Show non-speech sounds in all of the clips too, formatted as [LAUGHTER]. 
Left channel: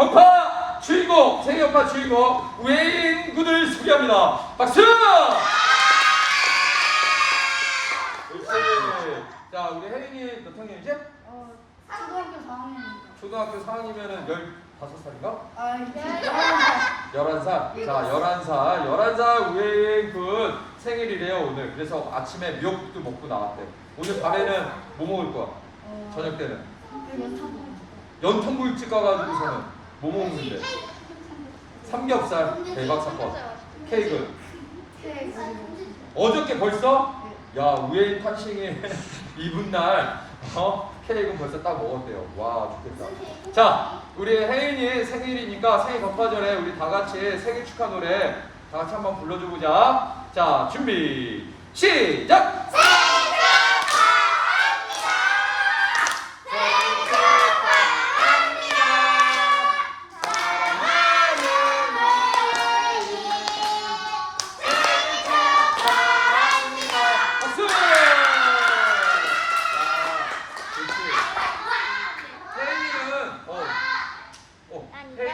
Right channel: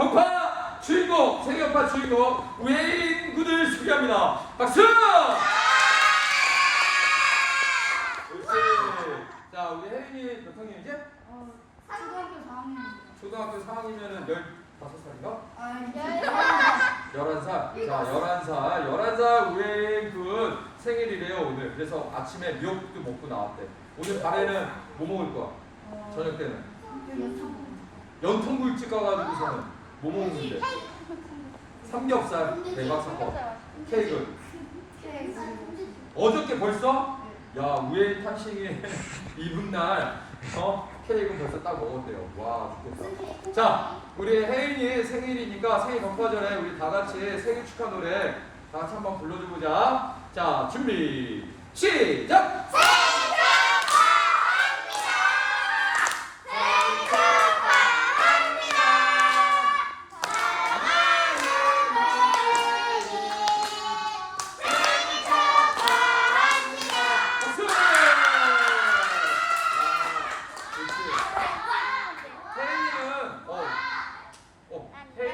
격파 주인공 생일 격파 주인공 우예인 군을 소개합니다. 박수! 옳지. 자 우리 혜인이 몇 학년이지? 어, 초등학교 4학년입니다. 초등학교 4학년이면 15살인가? 아, 이제 11살. 자, 11살. 11살 우예인 군 생일이래요, 오늘. 그래서 아침에 미역국도 먹고 나왔대. 오늘 밤에는 뭐 먹을 거야? 어, 저녁 때는? 연탄 연탄불집 가가지고서는 뭐 먹는데? 삼겹살 대박 사건. 케이크. 케이크 어저께 벌써? 야, 우예인 탄싱이 [LAUGHS] 이분 날, 어? 케이크는 벌써 딱 먹었대요. 와, 좋겠다. 자, 우리 혜인이 생일이니까 생일 건파전에 우리 다 같이 생일 축하 노래 다 같이 한번 불러줘 보자. 자, 준비, 시작!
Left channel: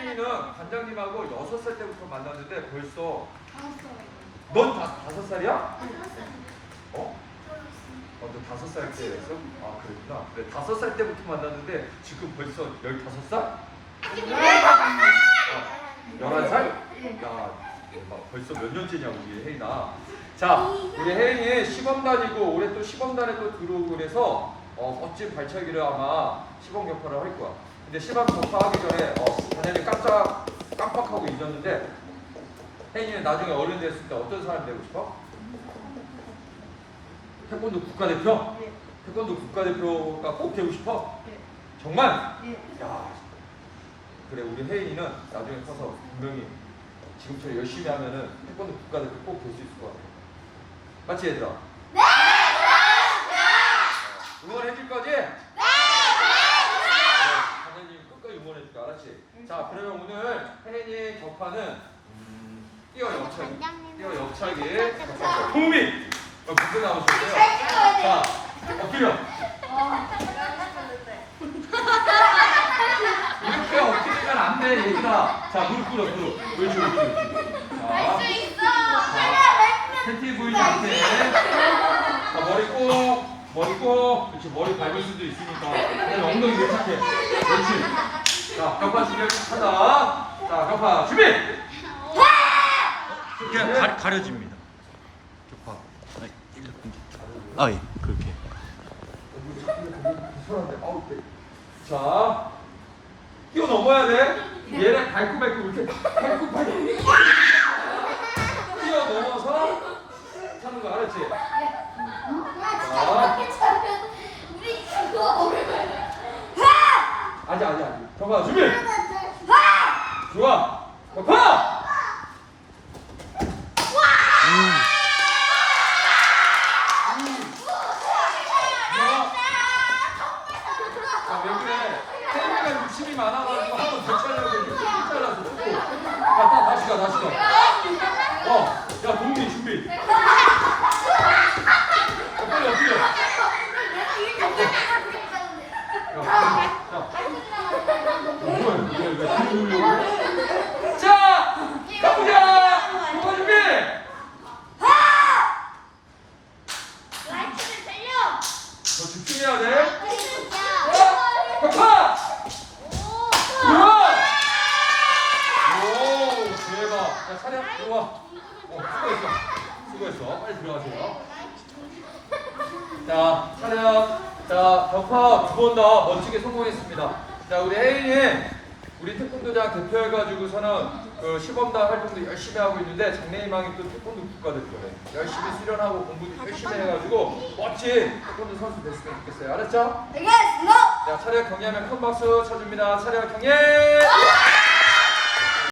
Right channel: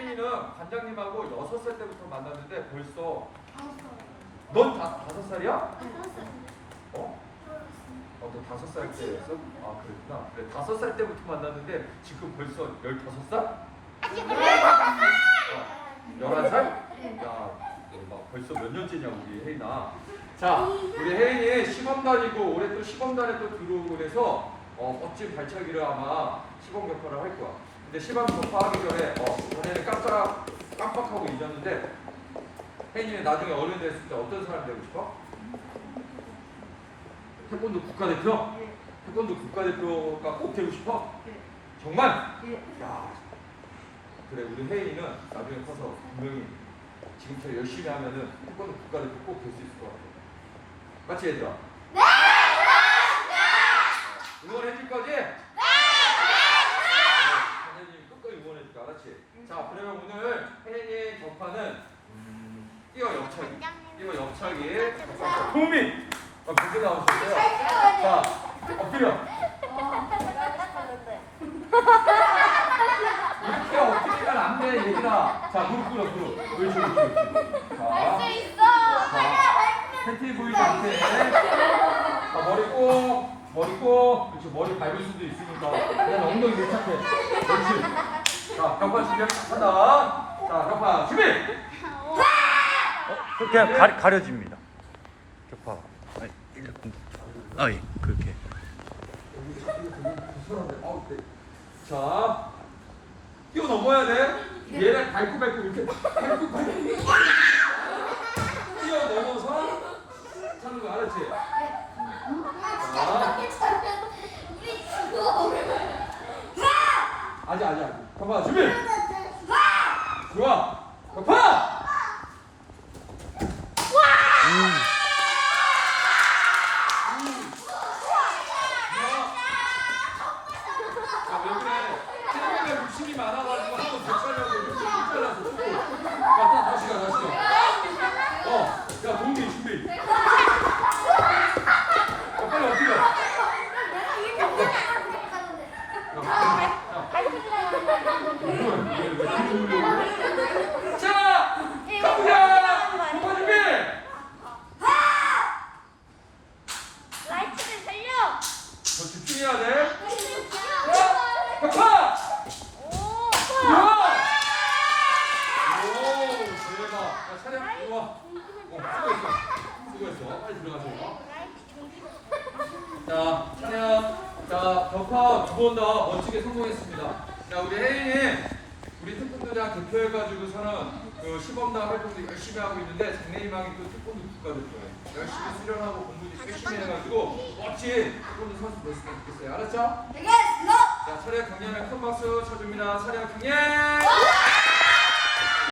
혜인이는 관장님하고 여섯 살 때부터 만났는데 벌써 넌 다, 다섯 살이야? 어? 어, 너 다섯 살 때였어? 아, 그랬구나. 그래, 다섯 살 때부터 만났는데 지금 벌써 열다섯 살? 어, 열한 살? 야, 대박. 벌써 몇 년째냐, 우리 혜인아. 자, 우리 혜인이 시범 다니고 올해 또 시범 단에 또 들어오고 그래서 어, 멋진 발차기를 아마 시범 격파를 할 거야. 근데 시범 격파하기 전에 어, 전에는 깜짝 깜빡하고 잊었는데 혜인이는 나중에 어른 됐을 때 어떤 사람 되고 싶어? 태권도 국가대표? 예, 태권도 국가대표가 꼭 되고 싶어? 예, 정말? 예. 야, 그래 우리 혜인이는 나중에 커서 분명히 지금처럼 열심히 하면은 태권도 국가대표 꼭 될 수 있을 것 같아. 맞지 얘들아? 네! 응원해 줄 거지? 네! 선생님 끝까지 알았지? 자 그러면 오늘 혜인이 격파는 음, 뛰어 옆차기 뛰어 옆차기 도우미! 어, 문제 나오셨어요? 자 엎드려 이렇게 엎드리면 안 돼, 얘들아. 자, 무릎 꿇어, 무릎. 옳지, 옳지. 자, 팬티 보이지 않게. 자, 머리 꼭, 머리 꼭. 그렇지, 머리 밟을 수도 있으니까. 그냥 엉덩이 밀착해. 옳지. 자, 격파 준비하다. 자, 격파 준비! 그냥 가, 가려집니다. 격파. 아니. 아, 예, 그렇게. 자, 뛰어 넘어야 돼. 얘를 밟고 이렇게 밟고 밟고 뛰어 넘어서 차는 거 알았지? 아직 아직 아직. 경파 준비. 좋아. 경파. 아, 왜 그래? 태국이가 욕심이 많아가지고 한 번 더 차려고 이렇게 잘라서 주고. 야, 다, 다시 가, 다시 가. 어, 야, 동기 준비. 야, 빨리 엎드려. 야, 야, 뭐야, 왜, 왜 뒤로 올려고 그래? 자, 가보자! 동파 준비! 더 집중해야 돼. 어, 격파! 좋아! 오, 대박. 야, 차렷, 이리 와. 어, 수고했어. 수고했어. 빨리 들어가세요. 자, 차렷. 자, 격파 두 번 다 멋지게 성공했습니다. 자, 우리 혜인이 우리 태권도장 대표해가지고서는 그 시범단 활동도 열심히 하고 있는데 장래희망이 또 태권도 국가대표래. 열심히 수련하고 공부도 열심히 해가지고 멋진 태권도 선수 됐으면 좋겠어요. 알았죠? 자, 차렷 경례하면 큰 박수 쳐줍니다. 차렷 경례!